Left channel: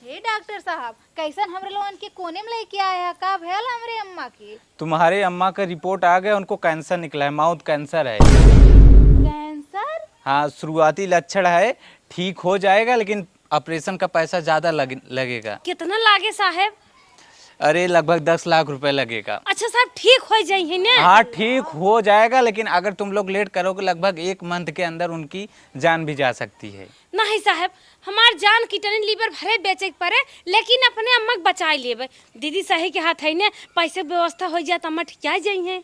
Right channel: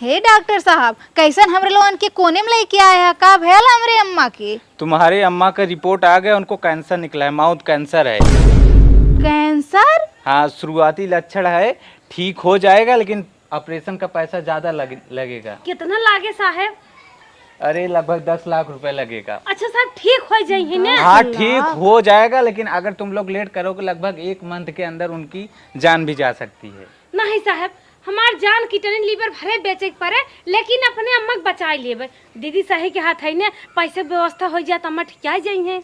हे doctor साहब, कैसन हमरे लोगन के कोने में लेके आए हैं? का भयल हमरे अम्मा के? तुम्हारे अम्मा का रिपोर्ट आ गया, उनको कैंसर निकला है, माउथ कैंसर है। कैंसर? हाँ, शुरुआती लक्षण है, ठीक हो जाएगा, लेकिन ऑपरेशन का पैसा ज्यादा लगेगा। कितना लागे साहब? अरे लगभग 10 लाख रुपए लगेगा। अच्छा साहब, ठीक हो जाइए ना? हाँ ठीक हो जाएगा, लेकिन अगर तुम लोग लेट करोगे लगभग 1 मंथ के अंदर उनकी जान भी जा सकती है। नहीं साहब, हमार जान किटनी लीवर भरे बेचे के पड़े, लेकिन अपने अम्मा के बचा लेबे। दीदी सही के हाथ है ने, पैसे व्यवस्था हो जाए तो अम्मा ठीक आ जाइए।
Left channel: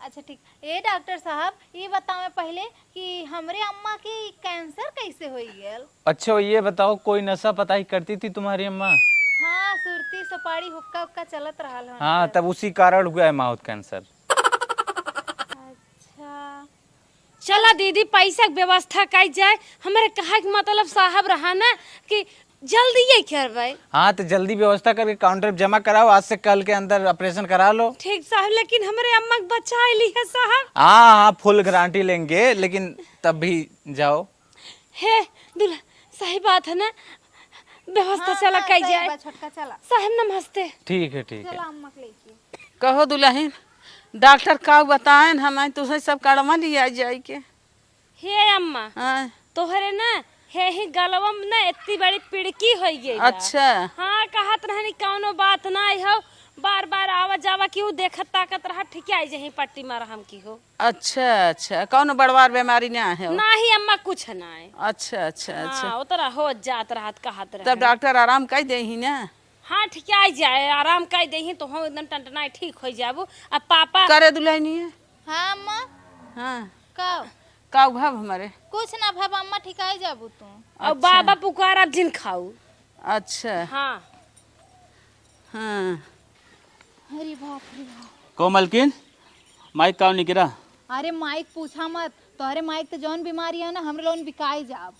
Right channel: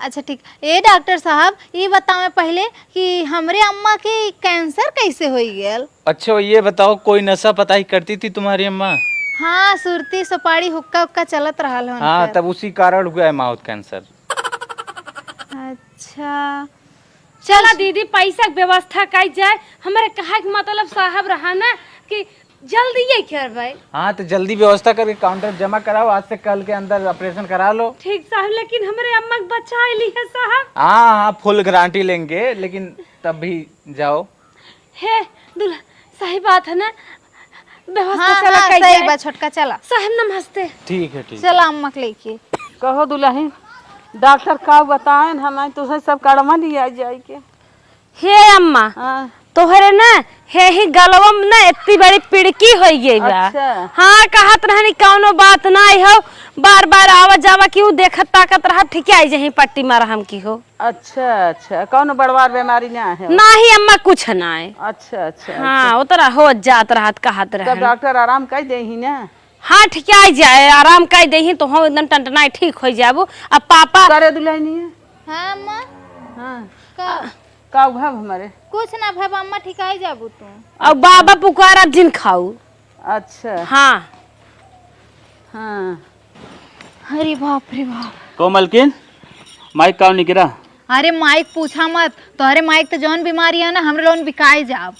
अच्छा ठीक। ए डॉक्टर साहब, ये बताओ पहले कि हमरे अम्मा के कैंसर कैसे हो गया? अच्छा ये बताओ, कोई नशा पताई करती थी तुम्हारी अम्मा? हाँ, सुरती सुपारी हुक्का उक्का चलत रहा है। हाँ, तब उसी कारण हुआ है माउथ कैंसर। अच्छा चला दीदी, पैसा के व्यवस्था कर जाए। हमारे कहा के मतलब साहब रहा ना कि जल्दी ये कर भाई। हाँ तो जल्दी व्यवस्था करके काउंटर जमा कराओ, आज से कल के अंदर ऑपरेशन करा लो। ठीक साहब, लेकिन हमारे अम्मा के बचा ली है साहब। हाँ हाँ, फुल गारंटी लेंगे, लेकिन तब भी जाओ। हे दूल्हा, सही बात है ना? व्यवस्था हाँ, चला हाँ, कर सही जाए। बा छोटका, चला साहब नमस्ते। ठीक है ठीक। चला अम्मा के लेके। कहो दुल्हन, डॉक्टर का बताए हमें तुम्हें सब कड़मा लिया जाए के। हे अम्मा, हाँ, तोहरे ना हे ही गलवा में ना इतनी बड़ी पिड़की हो गई बा। अच्छा। हाँ, कहत रहनी कौनो बात नहीं हो, बार बार आवा जावा क्यों देखत ताकत रहा, ठीक आई जही पट्टी मारा हम की हो। अच्छा अच्छा, कौन बड़वार बीमारी ना है? नहीं अम्मा, कुछ ना है। अच्छा अच्छा। हाँ, उतरा हो जात रहत कहत तब रहे। डॉक्टर आराम कर दे ही ना? हाँ ठीक आई जाए, आराम कर दही तो हम एकदम टनटनाई ठीक हो जाबो। अब पापा करे दुल्हनी। हाँ अम्मा, हाँ, का का भव हमारे? कुछ ना भाई, अम्मा ठिकाई जाबू तू। अब बाबा पुकारा जिन खाऊ। अच्छा हाँ हाँ। अरे बाप रे बाप। तो मलकिन माइक काउ नहीं गिरा? अरे माइक पूछा मत, तोहरे माइक तो जौन बीमारी है ना, हमरे लोगन बिकाए जाब।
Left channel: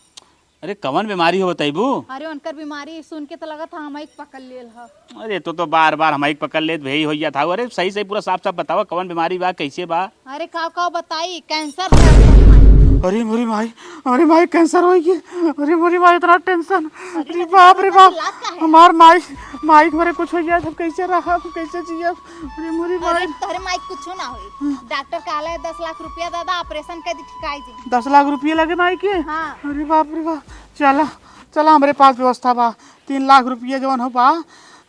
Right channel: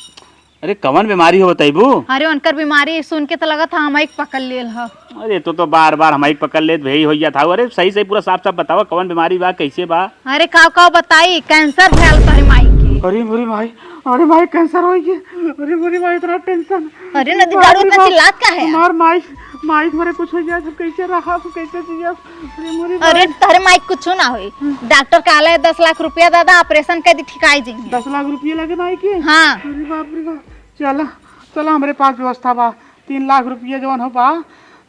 अरे कवन बीमारी हो बताइबू? अरे उनकर बीमारी सुन के तो लगा था हम माइक पकड़ लेल ह। अरे तो बार बार हमारी पकड़ ले वही हो जाता। अरे सही सही पूरा साफ साफ बताओ, कवन बीमारी बा, कैसे बा? अरे का बताई, कैंसर फैल तोहरे माइक के। अरे मोरी माई, अरे माई कैंसर हो गई। अरे मोरी माई, इतना टेंशन। अरे नदी दारू में चिल्लात का है? हमार माई माइक मेरे कुछ हो गया, सब कैसे रखा, तो कैसे जिया? अरे मोरी अरे तोहरे माइक कुछ ना होई। डॉक्टर कहले 10 लाख रुपया दादा, ऑपरेशन कर दी, ठिकाई जाएंगे। 10 लाख रुपये लगे माइक के? हाँ। अरे बाप रे बाप। चला चला, हमारे पास व्यवस्था बा। 3 लाख रुपये जवन हो बा,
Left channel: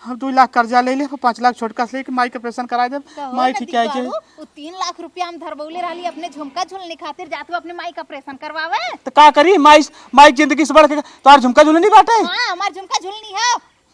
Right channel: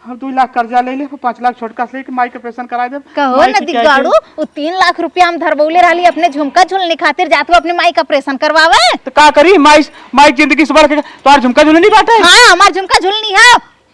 हम 2 लाख कर्जा ले ले, 5 लाख छोटका से लेके माइक ऑपरेशन करा दे। कहो नदी गाड़ू, वो 3 लाख रुपया हम धरबौले रहली अपने झुमका झुलने खातिर, जात अपने माइक ऑपरेशन करवावे। तो का करी? माइक जिंदगी से बढ़ के तो झुमका झूले नहीं बाटे। हाँ, हमार झुमका झुलनी है।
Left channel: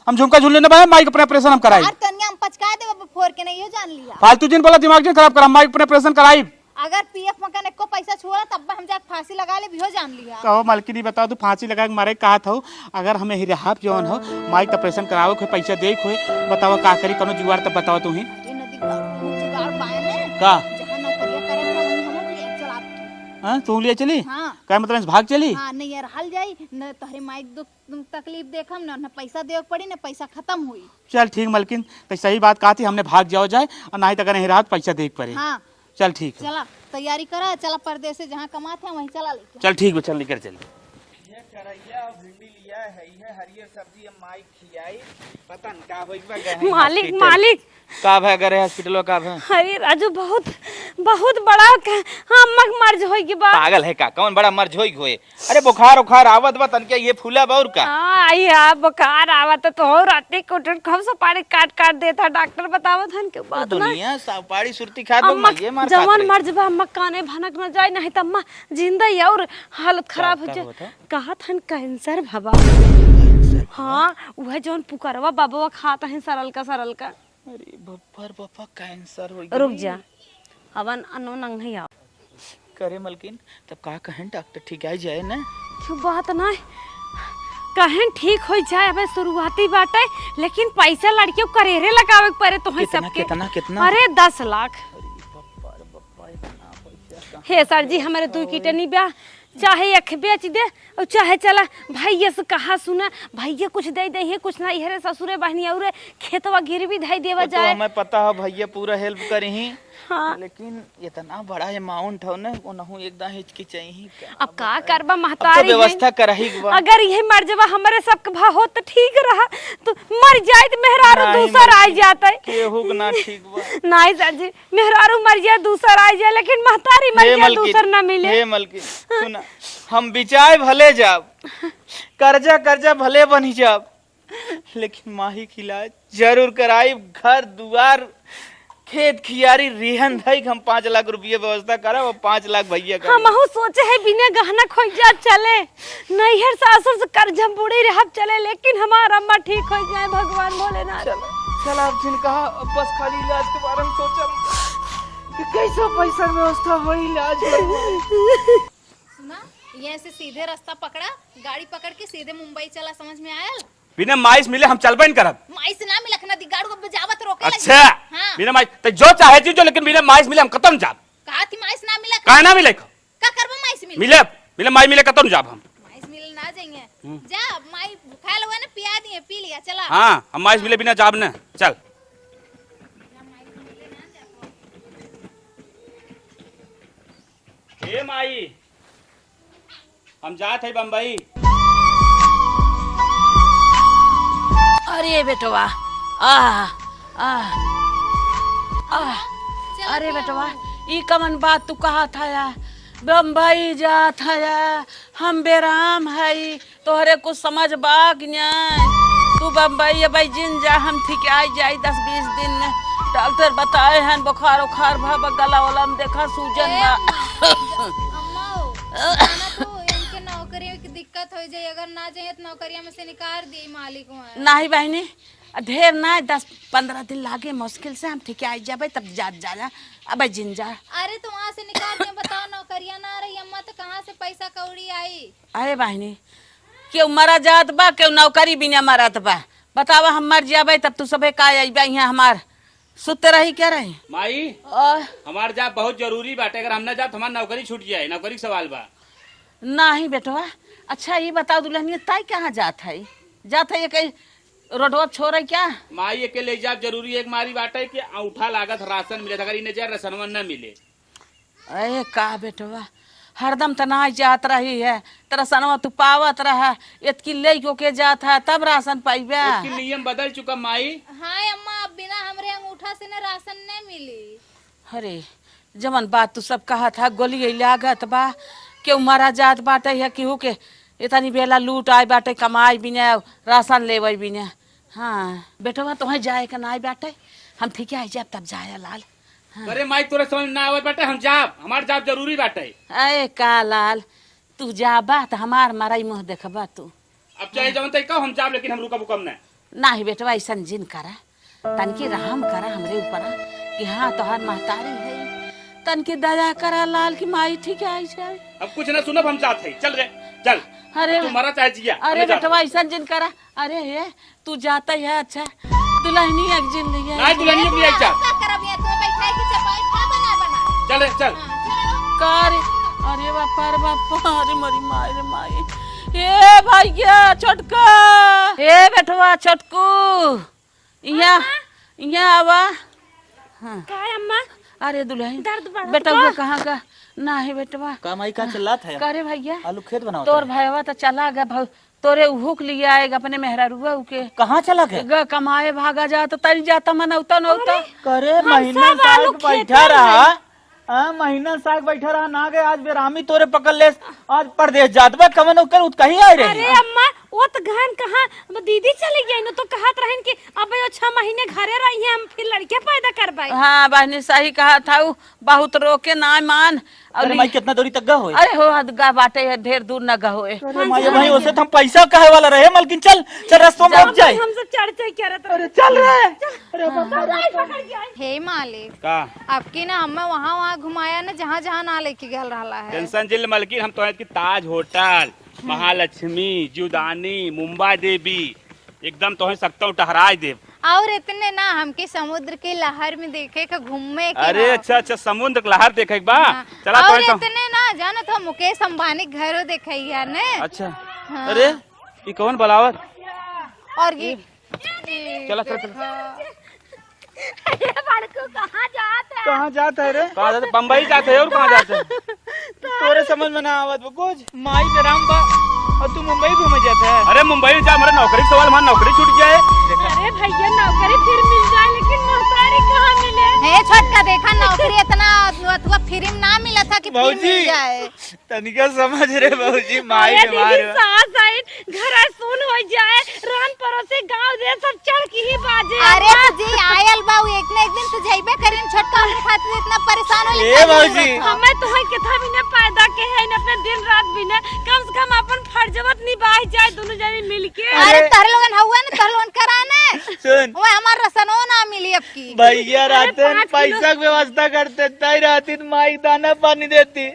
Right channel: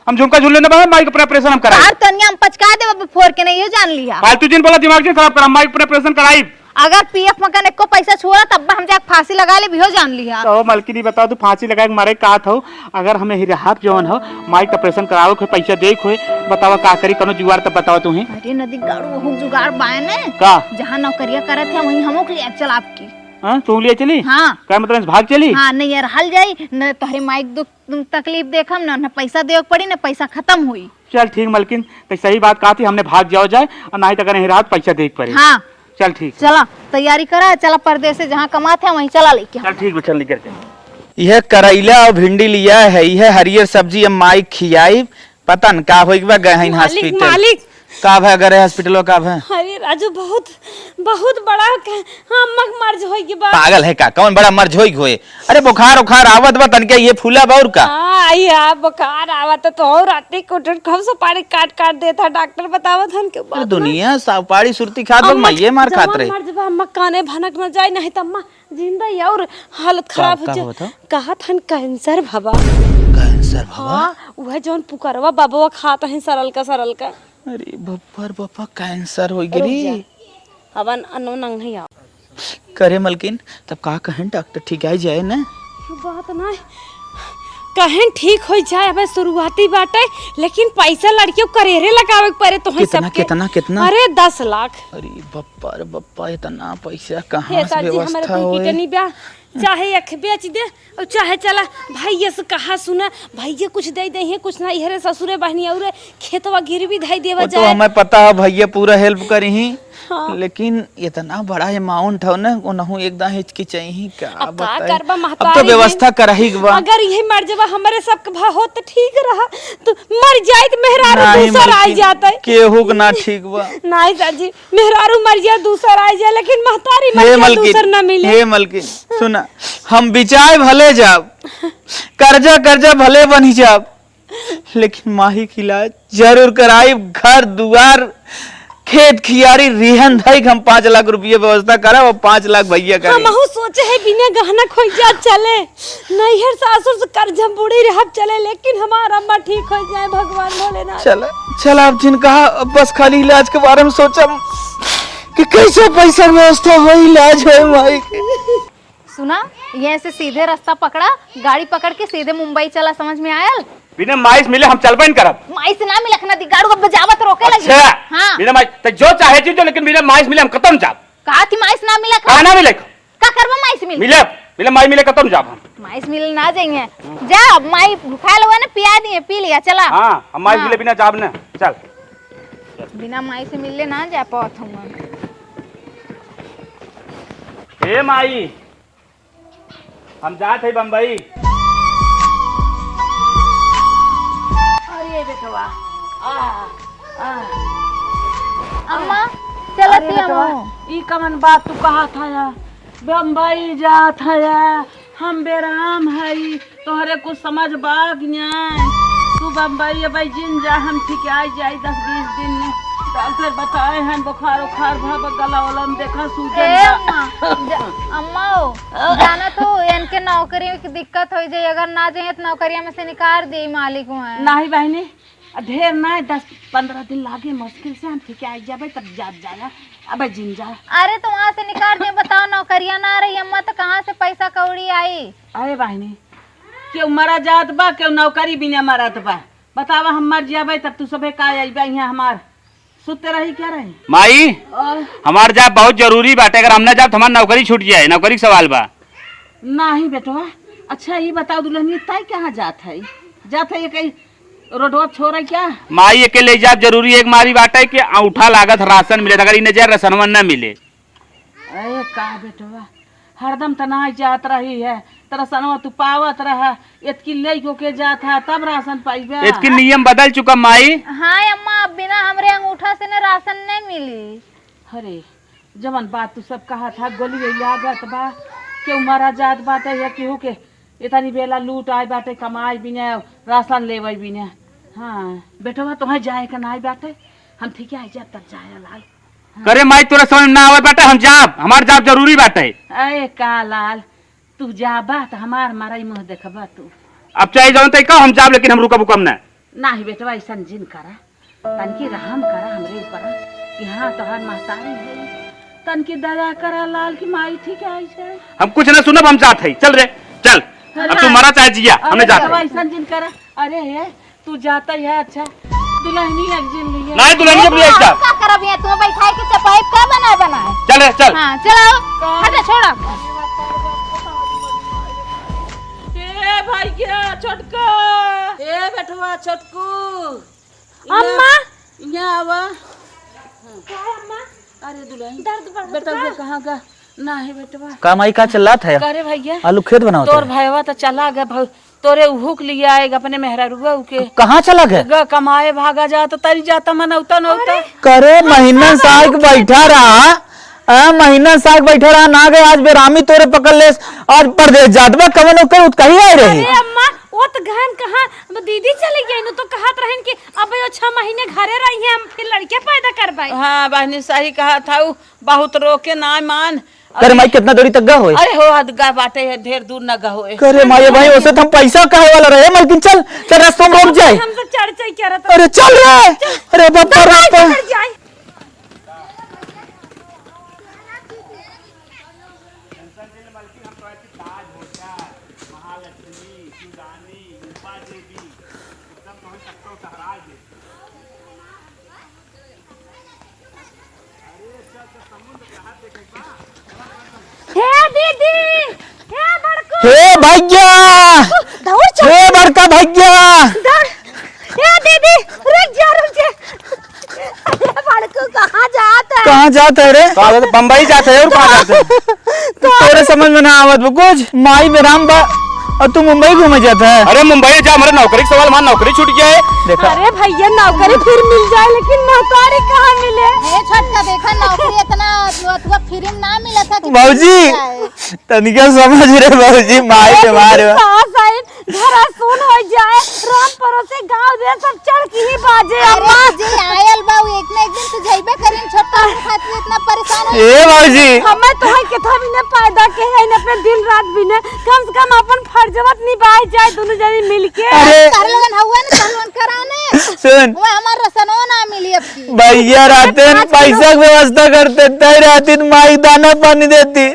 हम झुमका झूले ना बा, माइक पर ऑपरेशन हम कराई। यार तनिया हम पचका दे, फोर के नहीं, ये जान लिया। फालतू दिन बोला, दिमाग दिन खराब करा, माइक पर ऑपरेशन कराई। अगर पीएफ मकान को पैसा छुआ तब हम जाके फांसी लगा ले, भी हो जान लिया। तो मलकिनी बताओ, तू फांसी लगा के मारे कहा था? अगर हमें हिराहाफ जवन हो माइक ऑपरेशन कराओ को पैसा दे खोए, बताओ का करी? कोनो जुगाड़ तो बताओ तुम्हें। अरे नदी गाड़ू, वो जुगाड़ बाय ने का जहां नौकरिया करत है वहीं हमो के चल आपकी। हां तू लिए चली? हाँ। क्या मतलब भाग चली? हाँ, नहीं यार हल जाई न, तोहरे माइक दुख तकलीफ देखम न पैसा देवे पड़ी न, पैसा खत्म हुई। चल ठीक मलकिन, तो सही बात कहा थी, हमने भाग जाओ जाए, और नहीं तो अगर हिराहाफ पैसा दे पड़े। हाँ चल ठीक। चला तैयारी करा, चला परदेस से जहाँ कमाते हैं वहीं चला लेके। चल ठीक, चल लेकर चल। यह करेला और भिंडी लिया है, यह हरियर सब्जी हम माइक खियाई, पता न का होई बा गए हॉस्पिटल। मालिक का भा गए हॉस्पिटल का भा? अरे राजू, बहुत बहुत बड़ा हाँ मर्ज हो गई बा। पागल है का? कौन बड़ा मर्ज होई होए? अरे बुखार उखार आवत बा तनके, ये फूला बा और का? हाँ या बुखार आवत तो राती कुटट खूब सुपारी काट काट देता, डॉक्टर बतावत हन के अरे दुनिया सुपारी सुरती खात बा, मैं मार खात रहे। मर्ज बा, अम्मा काने भनक न जाए, नहीं त अम्मा जिंदा ही और हालत खराब हो जाए। कहत हन कैंसर भबा। कैंसर भबा? हाँ, वह जोन पुकारवा बाबा खात हन सरल का। अरे बप्पर बप्पा, कैंसर हो गई। अवन अनु नहीं आ करे मलकिन, तब का कहें डॉक्टर ठीक आ जाए ना? बात ना कहें ठीक हो जाए, अब शुरुआती बाटे, लेकिन पैसा लड़कियों करेरे लगावे पड़े तो कितना कितना कितना? अरे 10 लाख। अरे बप्पा रे बप्पा, इतना पैसा कहाँ हे से सर जी, हमारे व्यवस्था तू होए? कितनी ब्याह चाहे अख बेच दे और चाहे चला भैया से कहा सुना, भैया कुछ दे दे, ये कुछ ना, इहरे ससुरे बहनी और खेतवा गिरवी धई देवा वो तो जाए। हमें पता है भैया पूरा हेल्प करी ही, लेकिन इतना बड़ा अमाउंट हो ना ओनहु एकदम हिचकिचाई ही का अब का बताई। करबा अब महतारी तो व्यवस्था करही के बा। अगर यही मर जावा हमारे सबके भाव हो तो ठीक रहा तो मर जाए तो मेहरारू नहीं दूसर आई मलकिन, जाता है केहू के ना ठीक बा। नहीं सर मेहरारू मर जाए दूसर आई जाए लेकिन महतारी मर हे जाए दूसर ना मलकिन, मिले। हे मलकिन सुना, हम बिचाए भले जाब, कर्जा कर्जा भले बनी जाब, लेकिन माही के इलाज जरूर कराई। घर दुआर खेत खियारी रिहन धई हम 5 लाख रुपये व्यवस्था करा और 5 लाख भैया करे। हम सोचे है बिना गहना खोई जा चले नैहर सासुर से कर्ज बूढ़ी रहब चले लेकिन हमारा अम्मा ठीक हो जाए भगवान भोलेनाथ। चला चला अब जिन कहा अब बस खाली इलाज के बारे में सोचा कि कैसे पैसा व्यवस्था हो इलाज है माई के। सुना, यहाँ से सीधे रास्ता पकड़ा, गाड़ी पकड़ के सीधे मुंबई चला, समझ में आयल? बिना माइस मिले हम चलबे न करब। माइस ना मिलक ना दी, गाड़ी को बजावत रोके लगी। अच्छा हाँ। बिना माइस तो जो चाहे चीज लेकिन बिना माइस मिले हम खत्म जाब। कहा थी माइस ना मिलक? कहा ना मिले का करबा माइस मिल? मिले बिना माइस मिले खत्म जाब हम। माइस मिल ना जाएंगे। जा, माई भूखा लोग ना, पिया दिए, पी लिया, चला। हां हम माइस मिले बिना जाब न, चल। बिना माई से मिलले ना जा पावत हम। ए माई हम जात है बम्बई। अरे बेटवा अम्मा चला अरे बेटवा ई कमन बात तू कहा था या बम्बई जात है या हम बेराम है तोहरे कुछ समझ बाग न्याय तू बम्बई अब जिन जा हम ठीक आई जाई 10-20 दिन में डॉक्टर बताए हैं बुखार उखार भा गला वाला में देखा सूजन अम्मा जाना तो इनके नौकरी की दिक्कत हो जाए, अगर ना जाए तो नौकरिया में से निकाल दे मालिक हुआ। नहीं बहनी ढेर ना 10-15 दिन लागे मुश्किल से हम ठीक आई जाबे तब जात जाना अब जिन जा। अरे तो वहाँ से निकाल दे, बताओ नौकरिया ना रही अम्मा तो कहाँ से पैसा कौड़ी आई? अरे बहनी क्यों मरा जात बा क्यों नौकरी बिना मरत बा बतावा हम मर जाबे तब तू सबे का आइबा यहाँ हमार सुते रही क्या रही माई हमार जाब बहुत जरूरी बाटे, अगर हम ना जाब तो हमार नौकरी छूट जाए, नौकरी का सवाल बा। नहीं बेटवा अच्छा ये बताओ दुल्हनिया ताई कहाँ जात है? जात है ये कहीं रोडवा छोड़ क्या? माई अकेले जाब जरूरी एक मारी बाटे कि औठा लागत राशन मिले, अगर इन जा राशनवा न मिले। अरे का बेटवा हरदम तना जात रही है तेरा सनवा तू पावत रहा इतकी लेको के जात है तब राशन पाइबे। इसकी नियम बदल चुका माई। हाँ अम्मा, अब बिना हमरे अंगूठा से न राशन नहीं मिली। अरे जवन बात तू सब कहा था गोली लागत बा क्यों मारा जात बाटे है केहू के इतनी बेला लूट आए बाटे कमाई बिना राशन लेवे बिना। हाँ बेटवा तुहे जाए का नहीं बाटे हम ठीक आई जाब तब जाए लाल। करे माई तोरा समझ ना आवे बाटे, हम जाब, हमार जाब जरूरी बाटे। अरे का लाल तू जाबा त हमार मारा मुँह देखबा तू। अब चाहे जाओ तो का हम जाब, लेकिन हम रुकब उकम ना। नहीं बेटवा ऐसा जिन करा तनकी रहम करा हमरे ऊपर कि हाँ तोहर महतारी है तनकी दया करे लाल की माई ठीक आई जाए। हम कुछ ना सुनब, हम जात है, चल रे चल। अब तू मरा चाहे जिया, हमने जात है। ऐसा जिन करा। अरे ये तू जाता है अच्छा दुल्हनी एक जिन लिया नहीं दुल्हन जब ले जा। का करब यहाँ तू बैठा के चपाई का बनाए? चल रे चल। हाँ चलो, हटा छोड़ा। अरे बाप रे बाप अरे मरी मारे मारे ए भाई क्या छोटका ए बेटवा छोटकू यहाँ आवा। हाँ अम्मा अरे दुल्हन बेटा वो कहाँ का नहीं बेटवा का माई का चल रहा था अरे भैया आलू खेत बनाओ तोर भाईवा तो चला गया तोरे हुक लिया आएगा अपने मेहरारुआ के कहाँ चला गया? कमाए भागा जाता तरी जाता मनौता नौता करे महीना साग बैठा रहा महीना साग बैठा रहा ना गए आज बेरामी तोरे पकड़ ले आज परदेश जात बा कवन ओकर कहीं आई रही। अरे अम्मा वो तो घन कहाँ दीदी चली गई न तो कहत रहन कि अब 6 महीने घरे रही है हम फिर लड़के पैदा करवाई। हाँ बहनी सही कहा था बहुत रोके ना मान। करे माई कितना दूरी तक गा होए? अरे हो गा बाटे है ढेर दूर न गा होए। करे माई भाई उसे हम पैसा कहे वाला रहे मलकिन चल चल रास्ते में रुक जाए। हम तो चढ़ करत अरे चल रे अरे बाप रे हे मालिक का आपकी ना हमें वहाँ घुमाया ना जहाँ जहाँ ना लेके गल रहा है। टेंशन जिल मलकिन हम तो की ताज होटल, महालक्ष्मी, जीवदानी, मुंबई देवी एकदम तो सकता हूँ टहराए देव। और इतने ना हमके समुद्र के लहर में देखे का घूमे के अरे अच्छा अच्छा समुद्र के लहर देखे बा। चला और तो इतने ना जाने का मुकेश अंबानी घर देखे। हे भैया हे बड़का भैया ए दीदी रुक जा अरे कहाँ जाता है? कहाँ जाता है रे? बम्बई जाते हैं और कहाँ जाते हैं? तेरे समझ में ना आवत बा कुछ। माई में राम बा और तू मुंबई घूमे जाता है। अरे मुंबई जा, हमारे नौकरी का सवाल, हमारी नौकरी छूट गया है। देखा अरे भैया नौकरी फिर मिल जाए लेकिन नौकरी कहाँ मिले? ए छोटका देखा नौकरी इतना तुआ फ्री में ना मिला था कि बाबूजी तनिका समझ रे बाबूजी, माई के मारे घर सुन हो जाए राम परोसे गांव रे सब चढ़ की ही बाजे। अरे जी आयल बाऊ एक ना एक दिन तू जइबे करिन छोटका खातिर इतना परेशान हो। ए बाबूजी हमें तो है के था बिना पैदा के है न अपने दिन रात बिना कम से कम अपन फर्जवत निभाई जाए दोनों जने मिलके। अरे तरलोन हुआ न तरलोन कराने सुन वो हमार रसनो ना मिली अब की। भैया राते पैसा की व्यवस्था करते तय राती माई दाना पानी देती,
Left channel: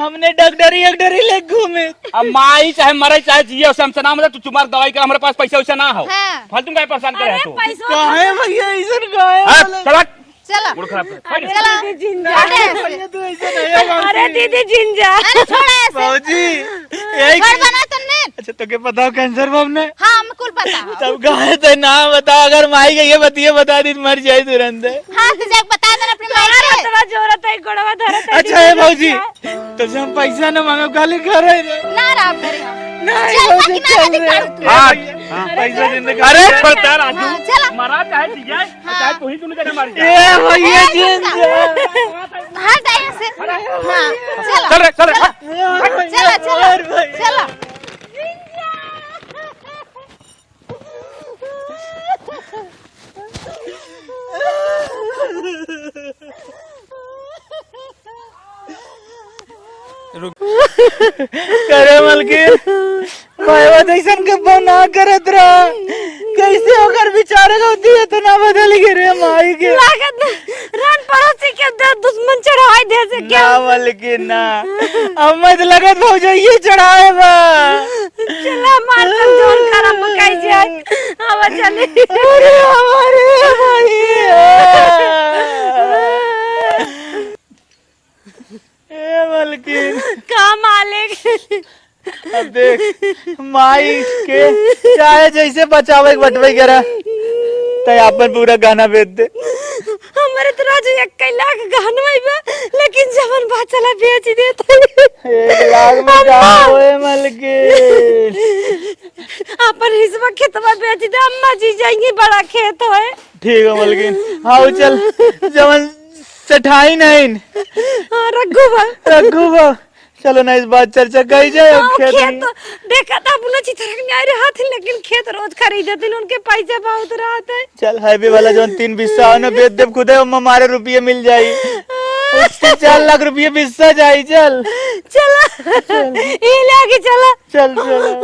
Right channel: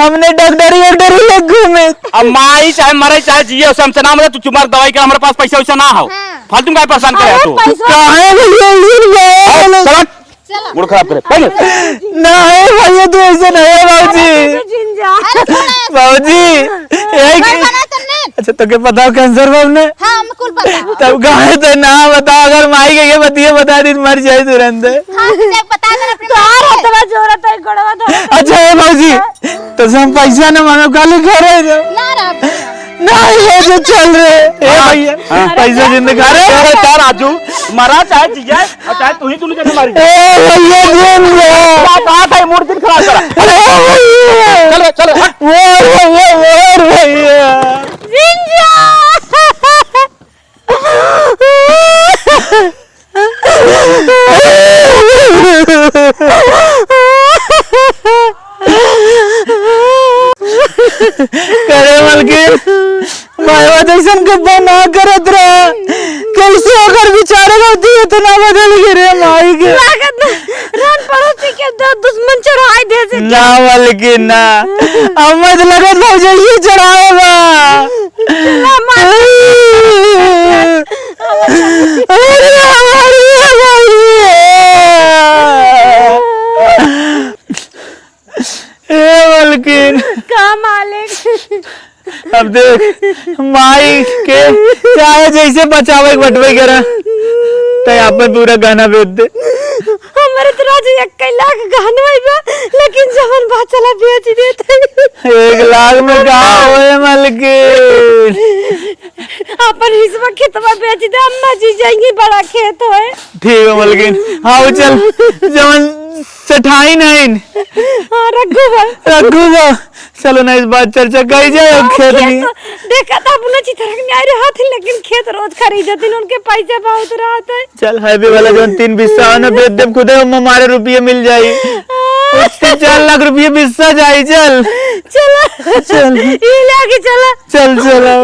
हमने डॉक्टरी लग घूमे। अब माई चाहे मरे चाहे जिए उसे हमसे ना, मतलब तू चुमार दवाई का हमारे पास पैसा वैसा ना हो। फालतू में परेशान करे तू। काहे भैया चला मूड खराब करे पहले। ना है भैया, तू ऐसे नहीं है बाबूजी। बाबूजी अच्छा तो क्या पता कैंसर में हमने? हां हमको पता। तब गाय तो ना बता, अगर माई के ये बता दी मर जाए तुरंत। हां तुझे बता देना अपनी तार हतवा जोरत है गड़वा धरे। अच्छा है बाबूजी तो हम पैसा न मानो काले खा रहे थे ना नहीं ये जो चल रहे ए भैया पैसा जिंदगी। अरे बेटा राजू, मरा चाहे जिए और चाहे तू ही तूने जने मारी। ए भैया जिन क्या बात है, मूड खराब करा। अरे चल रे और भैया करे मलकिन माया जैसन गब्बा ना करत रहा, कैसे अगर बेचारा होती है तो ना बदल गिरे माई के लागत रन पड़ोसी के दुश्मन चढ़ाई दे से ना मलकिन ना अम्मद लगे तो ये चढ़ाए बा चला मार अरे मलकिन का मालिक अब देख माई के चाहे जैसे बचावे बटवे करा तो यहाँ पर पूरा गाना बेच दे। हमारे तो राजू 1 लाख गाना बा लेकिन जवन बात चला बेच देता 1 लाख में कहा हुए मलकिन अपन हिस्सा खेतवा बेच दे, अम्मा जी जाएंगी बड़ा खेत है। ठीक है मलकिन हाँ चल जवन सठाई नहीं रघु रघु चलो ना इस बात चर्चा कही जाए खेत में। देखा था अपना चित्र में आ रहा था लेकिन खेत रोज खरीदते उनके पैसे बहुत रहते हैं। चल हाईवे वाला जो 3 बिस्सा है ना बेच दे खुद हमारे रुपये मिल जाये, 4 लाख रुपये बिस्सा जाये। चल चला चल ये लाके चला चल चलो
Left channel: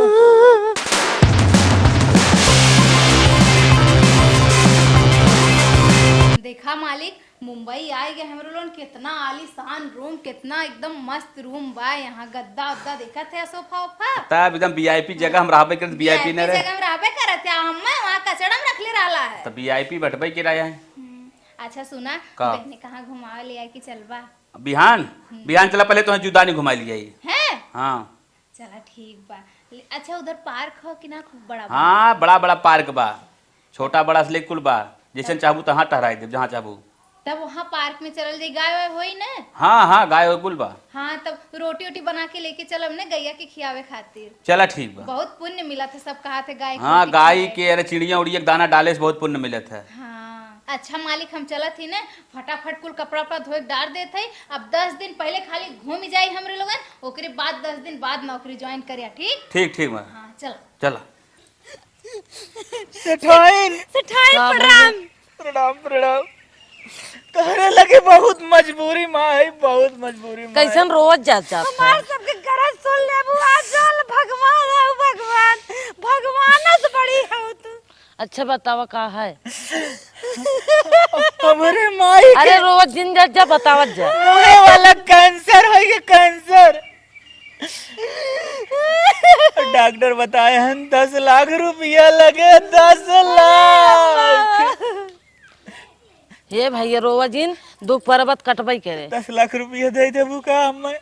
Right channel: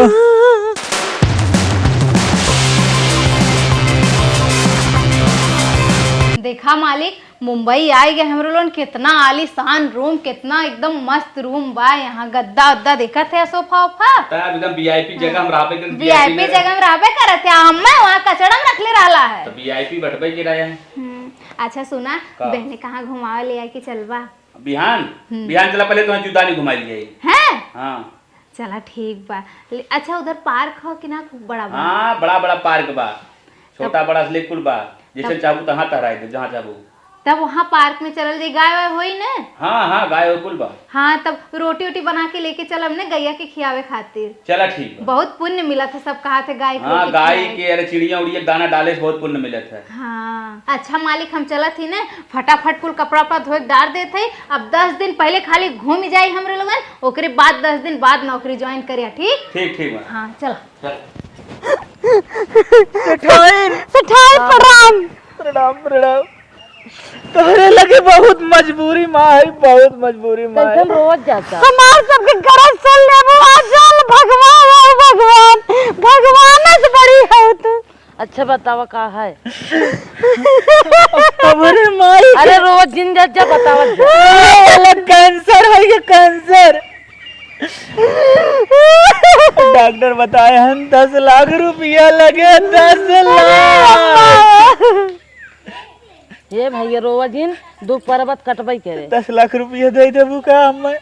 देखा मालिक मुंबई आए गए हमरो लोन कितना आलीशान रूम, कितना एकदम मस्त रूम बा। यहाँ गद्दा उद्दा देखा थे, सोफा वोफा तब एकदम वीआईपी जगह हम रहबे कर। वीआईपी जगह में रहबे करत है। हम्मे वहाँ कचड़ा में रखले रहला है। तो वीआईपी बटबे के रहे हैं। अच्छा सुना बहने कहाँ घुमावे ले आई कि चलबा? बिहान बिहान चला, पहले तो जुदा नहीं घुमा लिए हैं? हाँ चला ठीक बा। अच्छा उधर पार्क हो कि ना खूब बड़ा बा? हाँ बड़ा बड़ा पार्क बा, छोटा बड़ा से कुल बा, जैसे चाहू तहाँ टहराई दे जहाँ चाहू। तब वहाँ पार्क में चलल जाई, गाय वाय होई ने? हाँ हाँ गाय और कुल बा। हाँ तब रोटी वोटी बना के लेके चलब ने गैया के खियावे खातिर। चला ठीक बा। बहुत पुण्य मिला था, सब कहा थे गाय हाँ गाय के अरे चिड़िया उड़िया दाना डाले से बहुत पुण्य मिलत है। हाँ अच्छा मालिक हम चला थी ने फटाफट कुल कपड़ा उपड़ा धोए डाल देते। अब 10 दिन पहले खाली घूम जाई हमरे लोगन, ओकरे बाद 10 दिन बाद नौकरी ज्वाइन करिया। ठीक ठीक ठीक बा। हाँ चलो चलो सठाई प्रणाम प्रणाम प्रणाम। तोहरे लगे बहुत मजबूरी माँ है, बहुत मजबूरी माँ कैसे हम रोज जाता हमार सबके गरज चल ले चल भगवान है भगवान, भगवान से बड़ी है तू। अच्छा बतावा का है? हमारे माई अरे रोज दिन जा बतावा वाला कैंसर है, ये कैंसर डॉक्टर बताए हैं 10 लाख रुपया लगे, 10 लाख। ये भैया रोज दिन दुख परबत कटबई करे। 10 लाख रुपया दे देबू का हमें?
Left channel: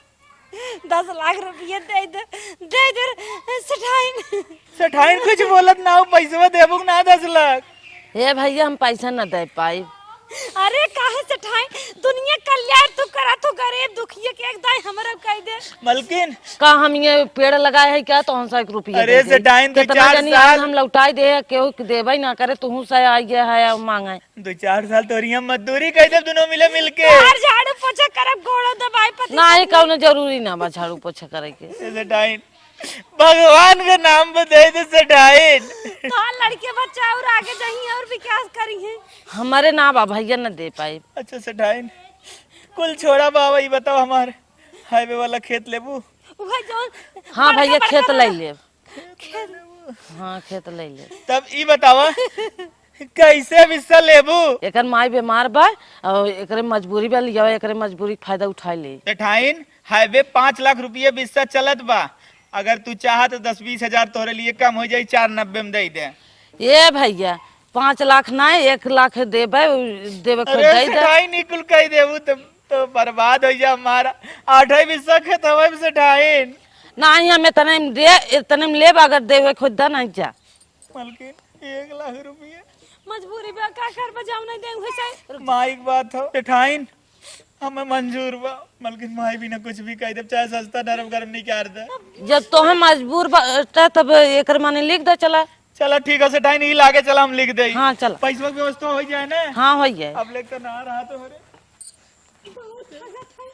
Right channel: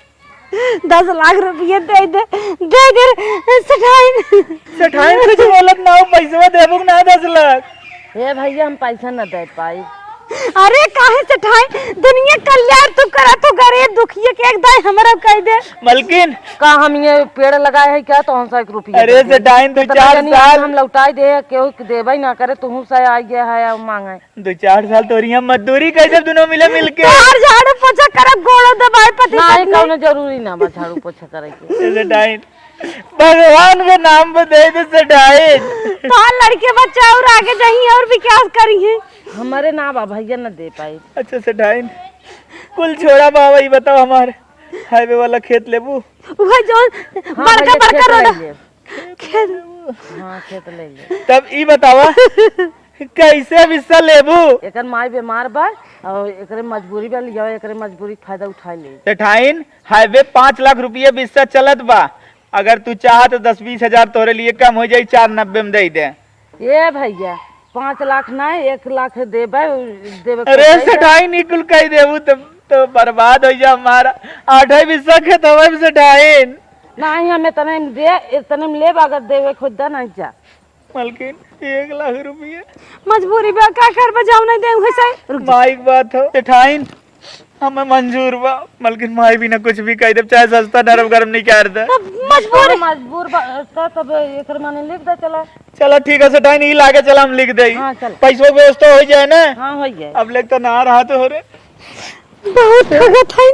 10 लाख रुपये दे दे सठाई कुछ बोलत ना हो, पैसा देबू ना 10 लाख। ये भैया हम पैसा न दे पाई। अरे काहे से ठाई दुनिया कल्याण तू करा तो गरीब दुखिए के एक दाई हमरा कह दे। मलकिन का हम ये पेड़ लगाए है क्या तो 100 रुपया अरे सेठाइन 2-4 साल साल हम लौटाई दे केहू देबे ना करे तू से आई गया है मांगे 2-4 साल तोरी हम मजदूरी कर जब दोनों मिले मिलके यार झाड़ू पोछा करब गोड़ो दबाई पति नहीं कौनो जरूरी ना बा झाड़ू पोछा करे के। सेठाइन भगवान के नाम पे दे दे सेठाइन। तो लड़के बच्चा और आगे जाही और विकास करी है। हमारे ना बा भैया न दे पाए। अच्छा सेठाइन कुल छोड़ा बाबा ये बताओ हमारे हाईवे वाला खेत लेबू। वह जो हाँ भैया खेत ले रोड ले खेत हाँ खेत ले ले। तब ई बतावा कैसे हिस्सा लेबू। एकर माई बीमार बा और एकरे मजबूरी बा लिया एकरे मजबूरी फायदा उठा ले। सेठाइन हाईवे 5 लाख रुपया हिस्सा चलत बा अगर तू चाह तो 10-20 हजार तोरे लिए कम हो जाई 490 में दे दे। ये भैया 5 लाख नहीं 1 लाख देबे देबे अरे सेठाइन ई कुल कह देबू तो बर्बाद हो जा हमारा 8 हिस्सा खेत होवे सेठाइन। नहीं हम इतने में लेब अगर देवे खुदा नहीं जा। मलकिन 1 लाख रुपया मजबूरी बा का कर बजाऊ नहीं दे वैसे माइक बात हो सेठाइन हमें मंजूर बा मलकिन माई भी ना कुछ भी कह दे चाहे सस्ता नरम गरम नहीं कर दे। मजबूर बा तब एकर माने लिख दे चला। चलो ठीक है सेठाइन ई लागे चला हम लिख दे। हाँ चल पैसों व्यवस्था हो जाए ना। हाँ हो जाए। अब लेक तो ना रहा तो हो रे बहुत ठगत है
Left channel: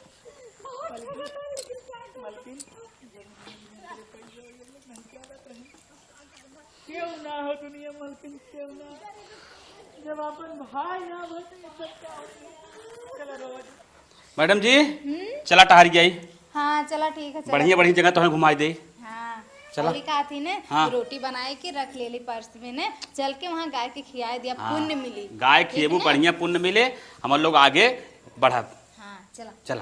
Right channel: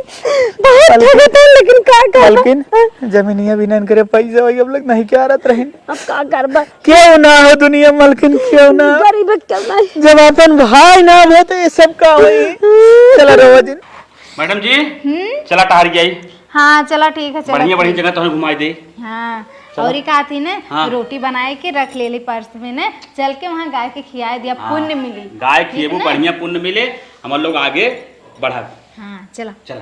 लेकिन का कर मलकिन जमीनिया भी ना करे पैसे वही अब लोग नहीं क्या रहत रहिन। अब का करबा क्यों ना हो दुनिया मलकिन क्यों ना गरीब चल रहा जब अपन भाई ना हो तो ये सब का होई। चला रो दिन मैडम जी चला टहर गई। हाँ चलो ठीक है चलो। बढ़िया बढ़िया जगह तो घुमाई दे। हाँ और कहा थी ना हाँ। रोटी बनाए के रख ले ली पर्स में ने चल के वहाँ गाय के खिया दिया पुण्य मिली। गाय खिएबू बढ़िया पुण्य मिले हम लोग आगे बढ़ा। हाँ चलो चला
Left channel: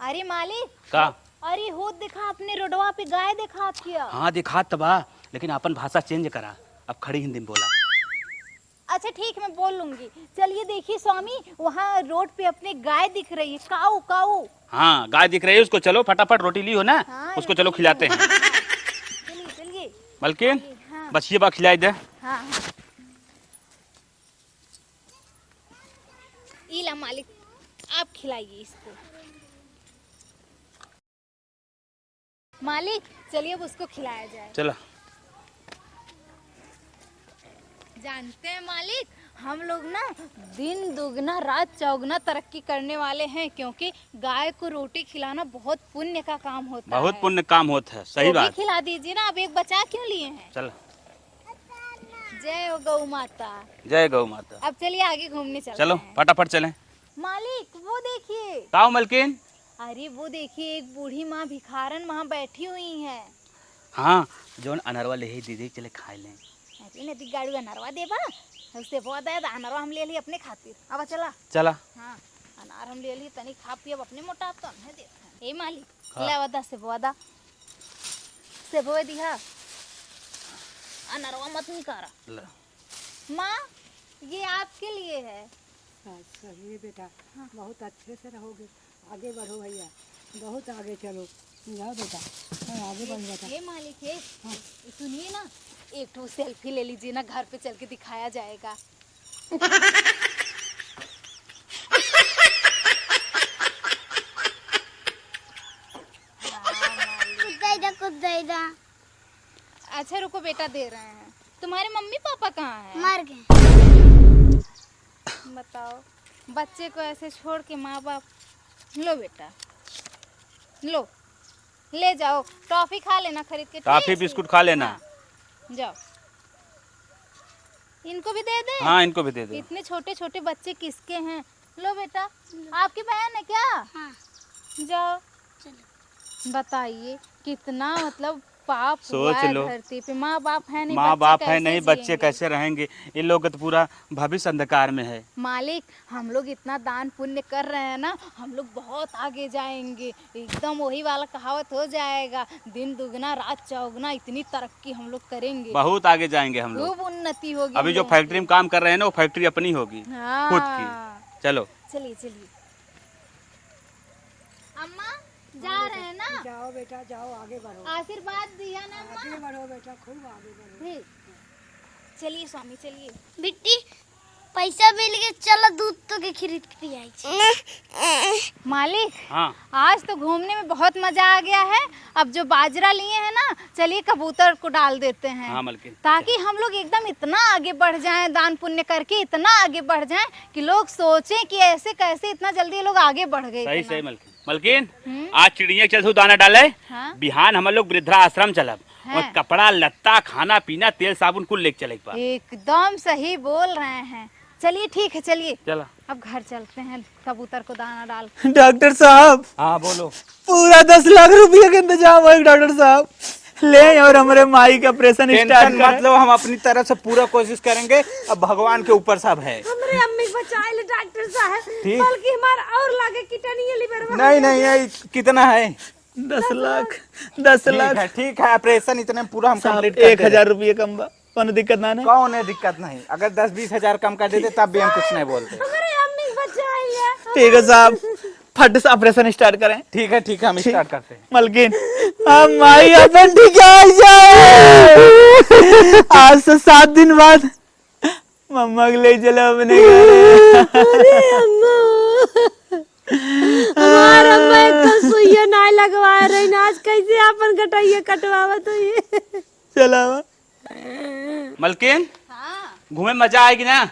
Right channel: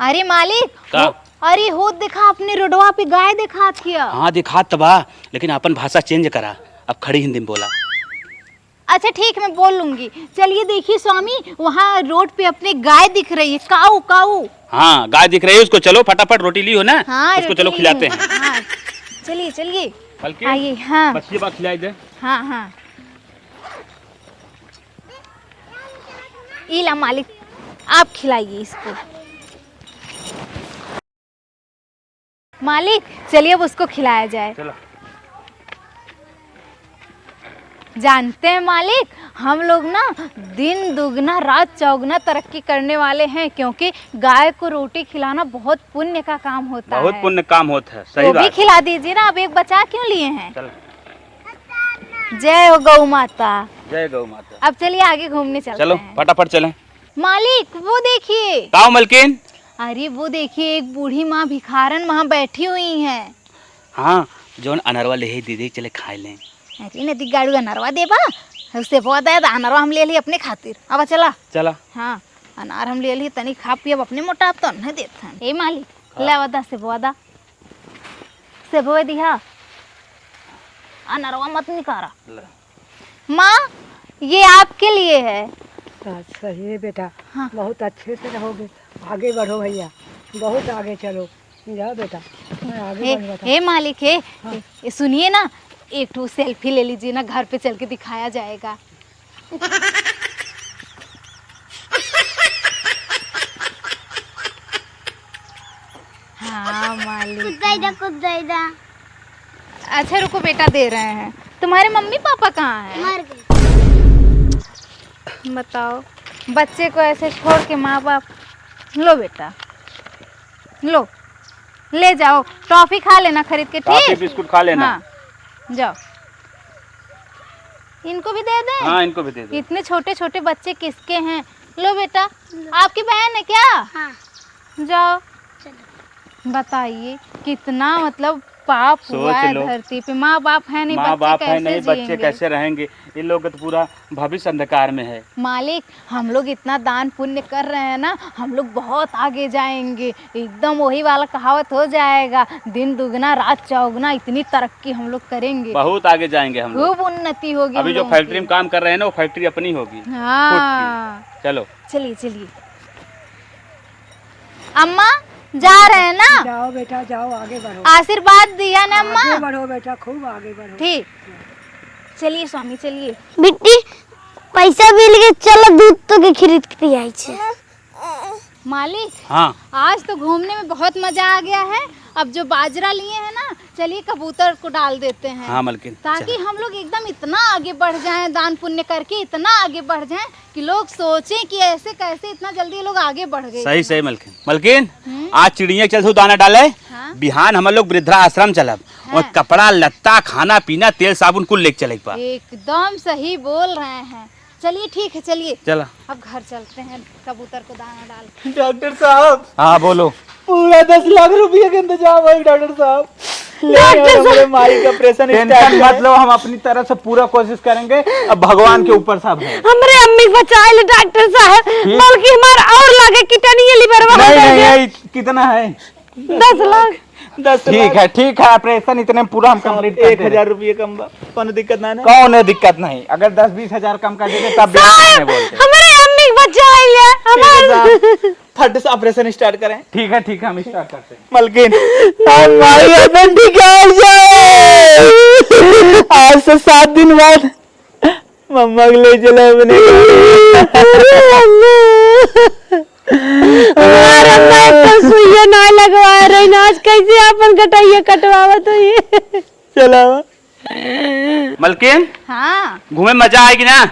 अरे मालिक का? अरे हो देखा अपने रोडवा पे गाय देखा किया। हाँ दिखा तबा लेकिन अपन भाषा चेंज करा अब खड़ी हिंदी में बोला। अच्छा ठीक मैं बोल लूंगी। चलिए देखिए स्वामी वहाँ रोड पे अपने गाय दिख रही है काऊ काऊ। हाँ गाय दिख रही है उसको चलो फटाफट रोटी ली हो ना। हाँ उसको चलो रोटी खिलाते ली हैं। हूँ। हाँ, चलिए चलिए बल्कि आइए। हाँ मछली बा खिलाई दे। हाँ हाँ इला मालिक आप खिलाइए इसको। मालिक चलिए अब उसको खिलाया जाए। चलो जानते हैं मालिक हम लोग ना दिन दुगना रात चौगुना तरक्की करने वाले हैं क्योंकि गाय को रोटी खिलाना बहुत पुण्य का काम होता है। बहुत पुण्य काम होता है सही वो भी बात। खिला दीजिए ना। अब एक बचा क्यों लिए हैं। चलो जय हो गौ माता। जय गौ माता। अब चलिए आगे घूमने चलते चलो हैं। फटाफट चलें। मालिक वो देखिए। काओ मलकिन। अरे वो देखिए एक बूढ़ी माँ भिखारन वहाँ बैठी हुई है। हाँ जोन अनरवा ले ही दीदी चले खाए लें। अरे नदी गाड़ू अनरवा देबा उससे बहुत है अनरवा हम ले लिए अपने खातिर। अब चला चला हाँ अनार हम ले लिए तनी खा पियब अपने मोटा तो नहीं देते हैं। ए मालिक ले वदा से बोदा से बोए दिया अनरवा मत निकारा। माँ ये आपके लिए है। अच्छा ये बेटा हाँ। बहुत अच्छे से रहोगे आगे बढ़ो भैया बहुत आगे चलो जाओ बेटा मैं आगे बढ़ बता। हे मालिक है ये सुनिए ना एक ठो सेल्फी ले लीजिए ना घर पे चल के दिखाया जाएगा। हाँ मालिक अच्छा रुको बेटा दे रहे हैं। तुम्हारे मम्मी पापा कहाँ हैं? मर गए। बताओ बच्चे को ऐसे छोड़ के माँ बाप। लो बेटा लो ले जाओ टॉफी खा लेना खरीद के। काफी ठीक बिस्कुट खा लेना। हाँ जाओ इनको भी दे दें। हाँ इनको भी दे दे। इतने छोटे छोटे बच्चे किसके हैं। लो बेटा आपकी बहन है क्या? हाँ। जाओ बताइए कितना मतलब पाप हुआ है धरती पे। माँ बाप है नहीं माँ बाप है नहीं बच्चे जिएंगे? कैसे रहेंगे। इन लोग का तो पूरा भविष्य अंधकार में है। मालिक हम लोग इतना दान पुण्य कर रहे हैं ना हम लोग बहुत आगे जाएंगे। एकदम वही वाला कहावत हो जाएगा दिन दुगना रात चौगुना। इतनी तरक्की हम लोग करेंगे बहुत आगे जाएंगे हम लोग। खूब उन्नति होगी। अभी हम जो लोगों फैक्ट्री की। में काम कर रहे हैं ना वो फैक्ट्री अपनी होगी। हाँ खुद की। चलो चलिए चलिए अम्मा जा रहे हैं ना। जाओ बेटा जाओ आगे बढ़ो आशीर्वाद दिया ना अम्मा। आगे बढ़ो बेटा खूब आगे बढ़ो। ठीक चलिए स्वामी चलिए। बिट्टी पैसा मिल गए, चलो दूध तो के खरीद के पियाई छे। मालिक हाँ आज तो घूमने में बहुत मजा आ गया है। अब जो बाजरा लिए हैं ना, चलिए कबूतर को डाल देते हैं। हाँ मलकिन, ताकि हम लोग एकदम इतना आगे बढ़ जाएं, दान पुण्य करके इतना आगे बढ़ जाएं कि लोग सोचें कि ऐसे कैसे इतना जल्दी ये लोग आगे बढ़ गए। सही सही मलकिन। मलकिन आज चिड़िया चल सो दाना डाले। हाँ। बिहान हम लोग वृद्धाश्रम चलब और कपड़ा लत्ता खाना पीना तेल साबुन कुल लेके चले पा। एकदम सही बोल रहे हैं। चलिए ठीक है, चलिए चला अब घर चलते हैं, कबूतर को दाना डाल। डॉक्टर साहब हाँ बोलो। पूरा 10 लाख रुपये का इंतजाम है डॉक्टर साहब। ले और हमारे माई का ऑपरेशन स्टार्ट मत लो, हम अपनी तरफ से पूरा कोशिश करेंगे। अब भगवान के ऊपर सब है। हमरे अम्मी बचाए ले डॉक्टर साहब, बल्कि हमारा और लगे कितनी लिवर नहीं कितना है 10 लाख। 10 लाख ठीक है ऑपरेशन इतने में पूरा हम कंप्लीट कर 1000 रुपये कम बा, कोनो दिक्कत ना है। कौन है दिक्कत नहीं, अगर 10-20 हजार कम कर देते तब भी नहीं बोलते। हमारे अम्मी बचाए ले। ठीक है साहब, फट से ऑपरेशन स्टार्ट करें। ठीक है हम स्टार्ट करते हैं। मलकिन हमारी अपन ठीक है। आज से 7 दिन बाद मम्मा को ले चलो अपने। हमारा मैं तो सुइया ना लगवा रही ना, आज कैसे अपन कटाइए कटवावा तो ये। चलो मलकिन हाँ घूमे मजा आएगी ना?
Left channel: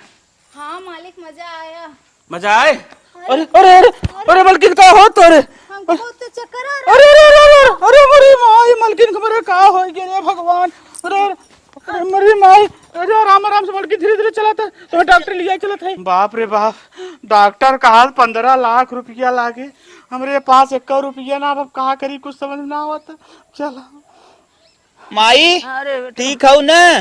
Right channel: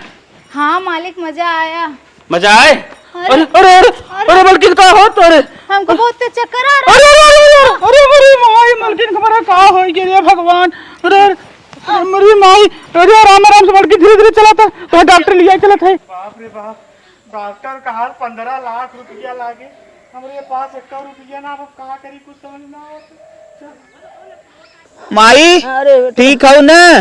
हाँ मालिक, मजा आया। मजा आए? अरे अरे अरे अरे मलकिन का हो तोरे? हमको बहुत तेज चक्कर आ रहा है। अरे माई मलकिन हमारा का हो गया भगवान। अरे मेरी माई, अरे आराम से मलकिन धीरे धीरे चला था तो डॉक्टर लिया चला था। बाप रे बाप, डॉक्टर कहा 15 लाख रुपया लागे, हमारे पास 1 रुपया ना। अब का करी कुछ समझ ना आवता। चला माई अरे ठीक हो ना?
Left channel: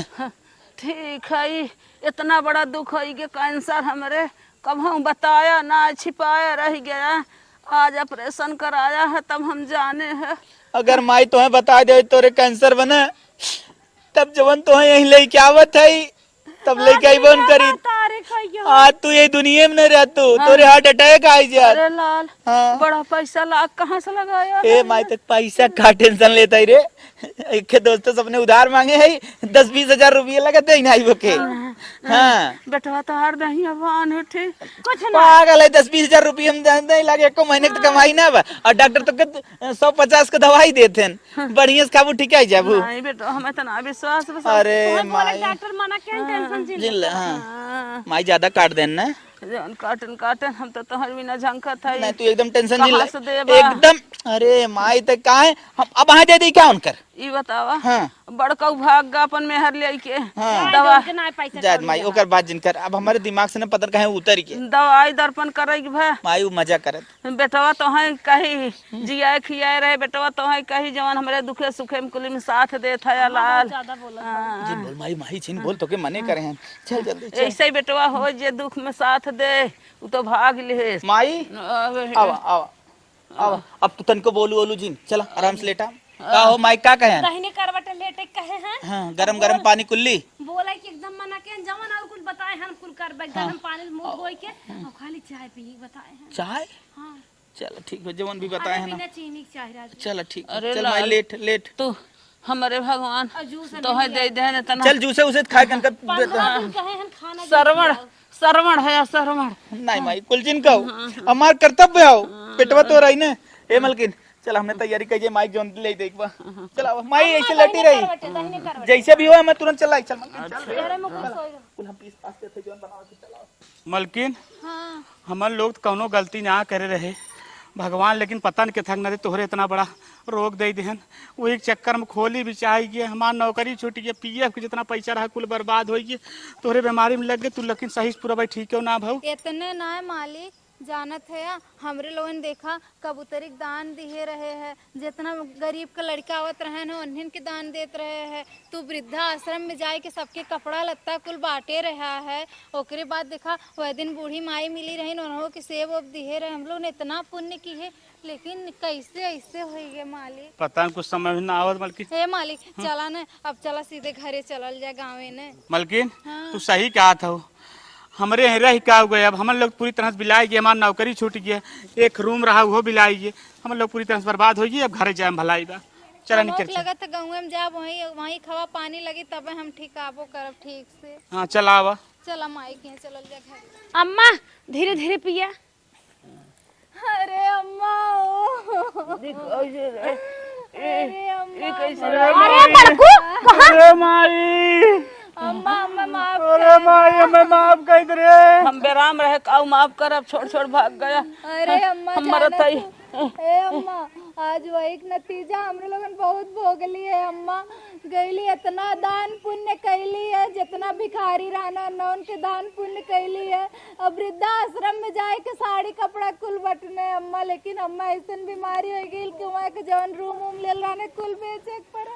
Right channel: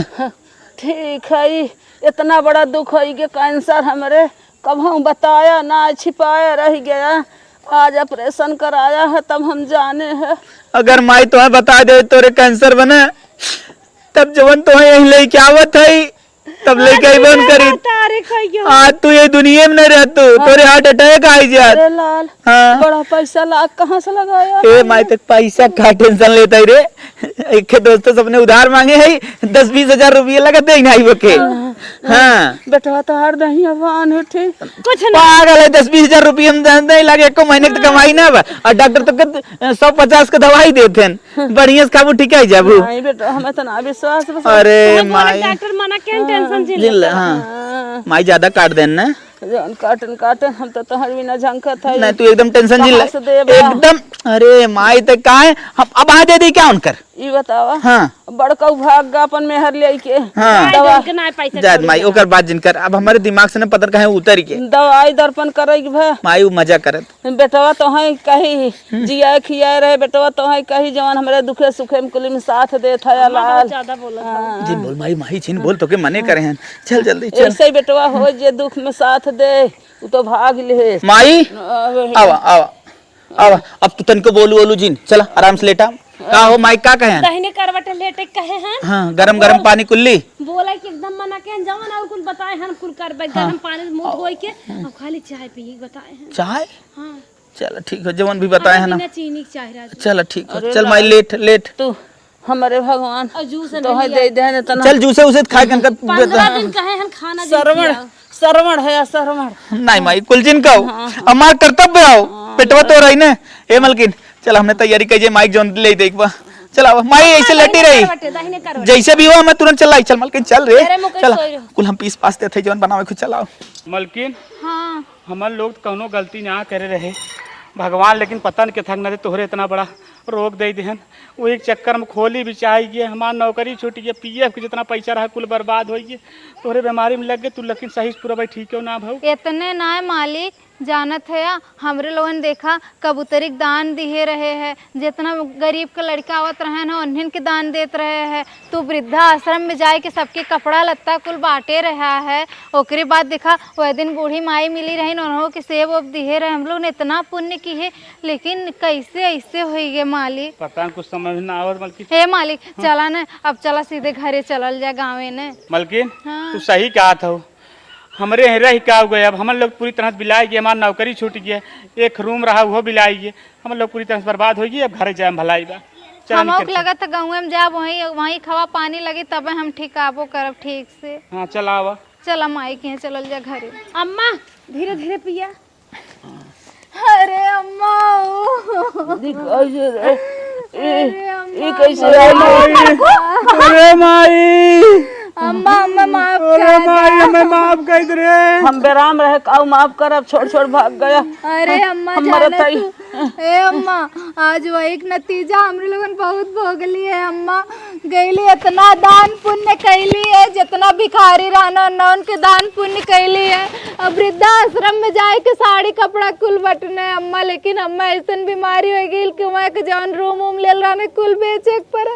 ठीक है, इतना बड़ा दुख है कि कैंसर हमारे कभी बताया ना, छिपाया रह गया। आज ऑपरेशन कराया है तब हम जाने हैं। अगर माई तुम्हें बता दे तोरे कैंसर बने, तब जवन तुम्हें यही लेके आवत है तब लेके आई बन करी। आज तू ये दुनिया में नहीं रहतू, तोरे हार्ट अटैक आई जात। अरे लाल, हाँ बड़ा पैसा लाख कहाँ से लगाया? ए माई तक पैसा का टेंशन लेता ही रे। एक दोस्तों सबने उधार मांगे है 10-20 हजार रुपये लगा दे नहीं बके। हाँ बेटा तो हर दही अवान है, ठीक कुछ पागल है। 10-20 हजार रुपये हम नहीं लगे, एको महीने की कमाई ना बा। और डॉक्टर तो 150 का दवाई देते हैं, बढ़िया से खाबू ठीक है जाबू। नहीं बेटा, हमें तो ना विश्वास। अरे माई डॉक्टर मना क्या टेंशन हाँ माई ज्यादा काट देना ना। काटन हम तो तोहर बिना झंकत है। नहीं तू एकदम टेंशन जिल कहाँ से देबा? एकदम। अरे माई तो का है, हम अब आ दे क्या उनकर? ई बतावा, हाँ बड़का भाग अपन मेहर ले के हाँ दवा जाद माई ओकर बात जिनकर अब हमारे दिमाग से न पता कहे उतर के दवाई दर्पण करे के भाई। माई वो मजा करत। बेटवा तो है कहीं जियाए खियाए रहे, बेटवा तो है कहीं जवान हमारे दुखे सुखे में कुली में साथ देत है। लाल जिन बोल माई माई जिन बोल तो के मने करे हैं। चल जल्दी चल ऐसे ही बेटवा हो जे दुख में साथ दे, वो तो भाग ले। माई आवा आवा आवा। अब तू तनको बोलू बोलू जिन चला आराम से लेटा। का हो माई का कहे? दहिने करवट लेटे कहे हैं। हाँ गरम गरम पानी कुल्ली बोला कि एकदम मना के जवन और कुछ बताए हम कुल करबे। गरम पानी में मुंह धोई के और खाली चाय पी बताए हैं। चाय। हां चल ठीक है, जवन भी बताए है ना। बिना चीनी की चाय राज। चल ठीक है, चल माई लेट लेट। तू हमारे भगवान और जूस तो है दे दे तना। चल जूसे उसे खाए कनका 15 दिन कहे हम खाना सरवण सरवण है सरवण। नहीं माई कुलजिन का हमार कर्तव्य हो। पेटवा तो रही ना। ए मलकिन चल हमने तैयारी कीजिए, माइक जोन ले देख बा। चला माई ऐसे लेटी रही दहिने करवट जैसे भी हो मैं तुरंत चल चल मलकिन चल रे अरे मुके चल सोई रहो। कुल हम पीस पासते थे जवन बनावे खुद चलाओ। मलकिन हाँ हमन लोग कौनो गलती ना करे रहे भगवान, लेकिन पता नहीं के थक न तोहरे इतना बड़ा रोग दे देहन। वो एक चक्कर में खोली भी चाहिए गए, हमार नौकरी छूट गई, पीएफ के जितना पैसा रहा कुल बर्बाद हो गई। तोहरे बीमारी में लग गए तू, लेकिन सही से पूरा भाई ठीक हो ना भाव। इतने ना है मालिक, जानत है हमरे लोगन देखा कबूतरी के दान दिए रहे हैं। जितना गरीब के लड़का आवत रहे ना उन्हें के दान देत रहे हैं। तू वृद्धा आश्रम में जाए के सबके कपड़ा लत्ता कुल बांटे रहा है। ओकरे बाद देखा वह दिन बूढ़ी माई मिली रही, उन्होंने के सेब अब दिए रहे। हम लोग ने इतना पुण्य की है, लेकिन कैसे ऐसे हो गए मालिक? पता नहीं कुछ समझ ना आवत मलकिन। हे मालिक चला न, अब चला सीधे घरे चलल जा गाँवे ने। मलकिन तू सही कहा था, हमरे रह क्या हो गए। अब हम लोग पूरी तरह से बिलाई गए, हमारी नौकरी छूट गया, एक रूम रहा वो बिलाई गए, हम लोग पूरी तरह से बर्बाद हो गई। अब घर जाए भलाई बा। हम लगा था गाँव में जाब वहीं वहीं खवा पानी लगे तब हम ठीक आबो करब ठीक से। हाँ चला आवा चला माई के यहाँ चलल जा घरे। अम्मा धीरे धीरे पिया। अरे अम्मा कैसे अरे माई, अम्मा अम्मा माफ अरे माई हमें माफ कर दे रे। हम बेराम रहे काऊ माफ कर, अब छोड़ छोड़ भाग गया। अरे अम्मा हमारा जाने तई तू। ए अम्मा आज वही एक नतीजा हमरे लोगन बहुत भोगली है अम्मा। गईली इतना दान पुण्य कैली है, जितना भिखारी रहना न उनके दान पुण्य कैली है। अब वृद्धाश्रम में जाए के साड़ी कपड़ा कुल बटने अम्मा, लेकिन अम्मा ऐसा बीमारी हो गई कि मैं के जौन रूम उम ले रहने कुल बेचे पर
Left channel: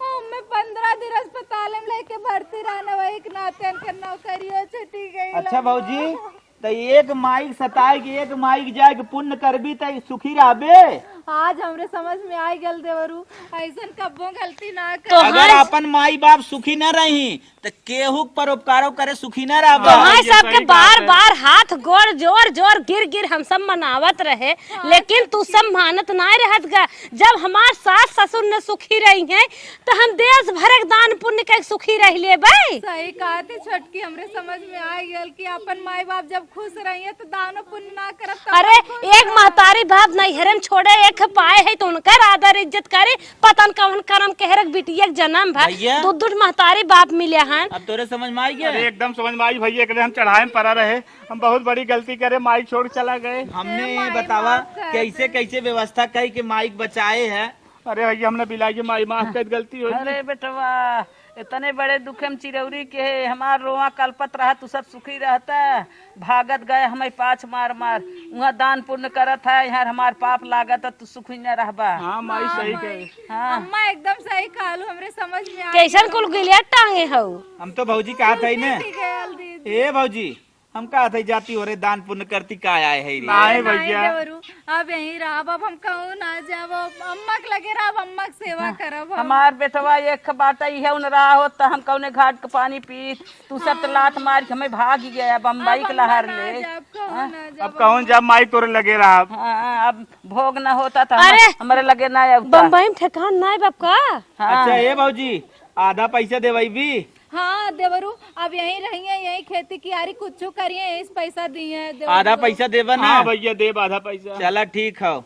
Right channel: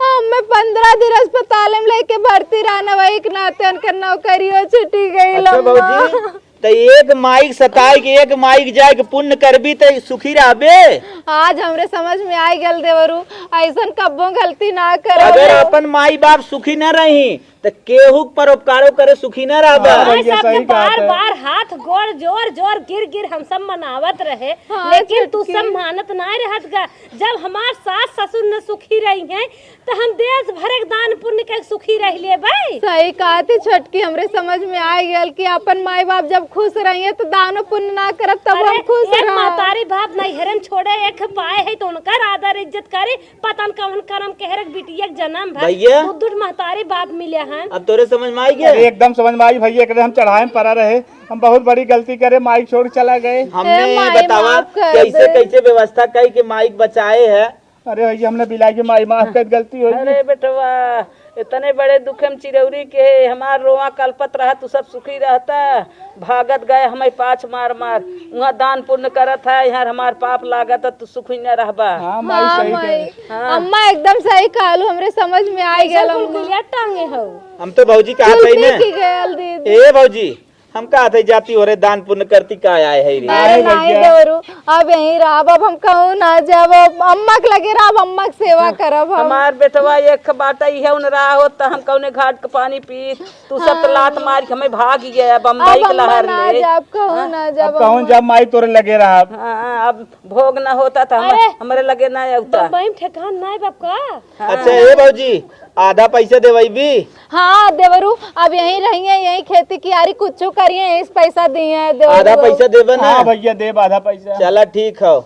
हमें 15 दिन अस्पताल में लेके भर्ती रहना, वही एक नाते उनका नौकरियों छुट्टी गई। अच्छा भौजी, तो एक माइक सताई के एक माइक जाए के पुण्य करबी तो सुखी रहबे। आज हमरे समझ में आई गल देवरू, ऐसा कब्बों गलती ना कर। अगर अपन माई बाप सुखी न रही तो केहू परोपकारो करे सुखी न रहबा। माई सबके बार बार हाथ गोड़ जोर जोर गिर गिर हम सब मनावत रहे, लेकिन तू सब मानत ना रहत का। जब हमार सास ससुर न सुखी रही हैं तो हम देश भर के दान पुण्य के सुखी रह ले भाई। सही कहा थी छोटकी, हमरे समझ में आ गया कि अपन माई बाप जब खुश रही है तो दानो पुण्य ना करब तब अरे हम खुश एक रह। महतारी बाप नहीं हरन छोड़े, एक पाए है तो उनकर आदर इज्जत करे। पतन कौन करम कहरक बिटिया के जन्म भर भैया। दूध महतारी बाप मिले हन। अब तोरे समझ में आई गया। अरे एकदम समझ में आई भैया, एकदम हम चढ़ाए में पड़ा रहे, हम बहुत बड़ी गलती करे, माइक छोड़ चला गए। हमने माई बतावा माफ कर कैसे दे। कैसे व्यवस्था कई के माइक बचाए है। अरे भैया हमने बिलाई के माई माफ कर, गलती हो गई। अरे बेटवा इतने बड़े दुख में चिरौरी के हमार रोआ कल्पत रहा, तू सब सुखी रहता। भागत गए हमें पाछ मार मार, वहाँ दान पुण्य करत है, यहाँ हमार पाप लागत तू सुखी न रहबा। हाँ माई सही कहे। अम्मा एकदम सही कहलू, हमरे समझ में आ कैसन गया। कुल गिलिया टांगे हऊ। हम तो भौजी कहा था दीदी ए भौजी, हम कहा थे जाती हो रे दान पुण्य करती का आए है रे। अरे नहीं देवरू, अब यहीं रहब, अब हम कहूँ ना जब अम्मा के लगे रहब, अम्मा के सेवा करब हम। हमार बेटवा एक बाटा है उन रहा हो तो हम कौने घाट का पानी पी, तू सब तो लात मार के हमें भाग गया बम्बई के लहर ले। जब कहूँ ना जब अब कहूँ जब माइक तोरे लगे रहा। अब भोग न होता था अरे! हमारे लगे ना होता। बम्बई में ठेकान ना है बाप का। अच्छा ए भौजी, आधा पैसा देवाई भी। हाँ देवरू, अब यहीं रहेंगे, यहीं खेती कियारी कुछ करिए, इस पैसा दिए हैं देवरू। आधा पैसा देवा ना। हाँ भैया देव आधा पैसा। चला ठीक है,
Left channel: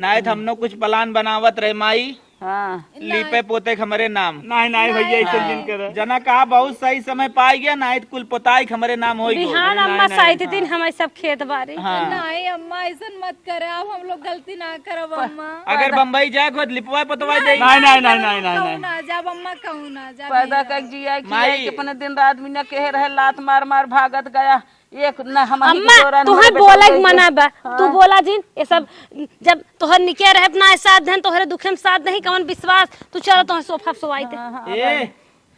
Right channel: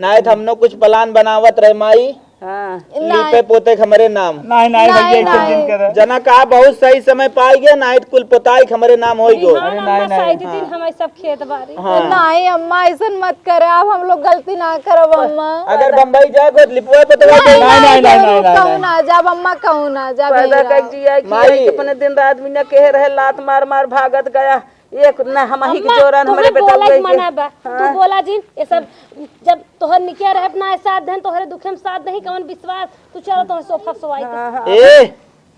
ना तो हमने कुछ प्लान बनावत रहे माई, हाँ लीपे पोते हमारे नाम। नहीं नहीं भैया ऐसे दिन कर। जना कहा बहुत सही समय पाई गया, ना तो कुल पोताई हमारे नाम हो गो। हाँ अम्मा सही दिन हमारे सब खेत बारी। नहीं अम्मा ऐसा मत करे, आप हम लोग गलती ना करब अम्मा। अगर बम्बई जाए खुद लिपवा पोतवा दे। कहूँ ना जब अम्मा, कहूँ ना जब पैदा कर जिया कि माई। अपने दिन रात में न कहे रहे, लात मार मार भागत गया। एक न हम अम्मा तुम्हें बोला ही मना बा, तू बोला जी ये सब जब तोहर निके रहे अपना साथ देन, तोहरे दुख में साथ नहीं कवन विश्वास, तू चलो तोहर सोफा सुवाई दे। ए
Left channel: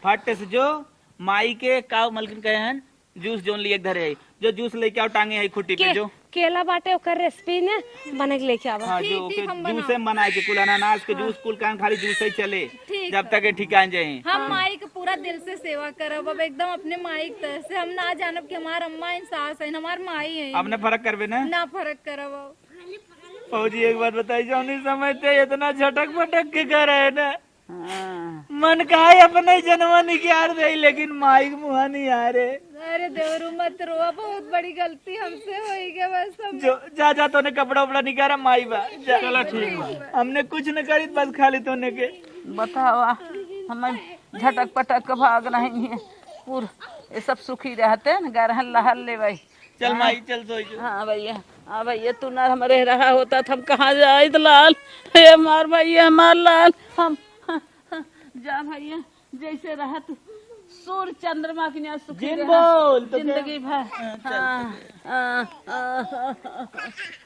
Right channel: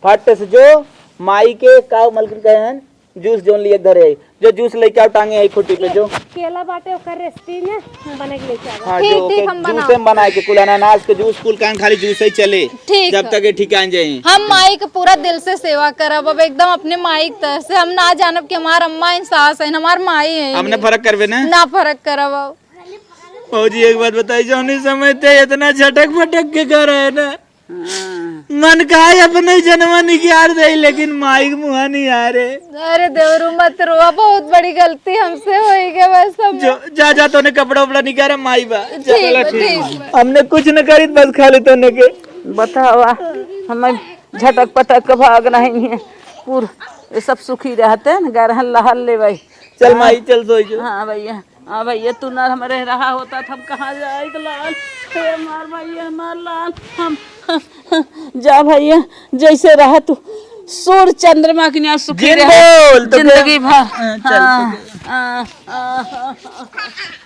फट से जो माई के काव मलकिन कहे हैं जूस जोन लिए धरे है, जो जूस लेके आओ टांगे है खुटी पे जो केला बाटे ओकर रेसिपी में बने के लेके आवा। हाँ ठीक, जो ठीक, के हम जूस में बनाए के कुल अनानास के जूस कुल कान खाली जूस ही चले ठीक जब तक ये ठिकान जाए। हम माई के पूरा दिल से सेवा करब, अब एकदम अपने माई के तरह से। हम ना जानब कि हमार अम्मा इंसास है, हमार माई है, हमने फर्क करवे ना फर्क करब। अब फौजी एक बात बताई, जो नहीं समझते इतना झटक फटक के कर रहे ना, मन का है अपने जन्म निकाल दे, लेकिन माई के मुँह नहीं आ रहे। अरे देवरू मत रो, बहुत बड़ी गलती हमसे हो गई बस। हम जो जा जा तूने कपड़ा उपड़ा निकाला माई बा, ठीक हमने कुछ न करी बस खाली तूने के बतावा हमें झटक पटक के भाग नहीं है पूर, ये सब सुखी रहते हैं गरहन लहर ले भाई। चल माई चल सो जो। हाँ भैया तू ना हमारे रहा होता था कहाँ जाए तो लाल हे मार भैया मार लाल हम जा भैया जैसे रहा तू सूर्य चंद्रमा की न्याय सुखी रहे बोल तो जिंदगी भर।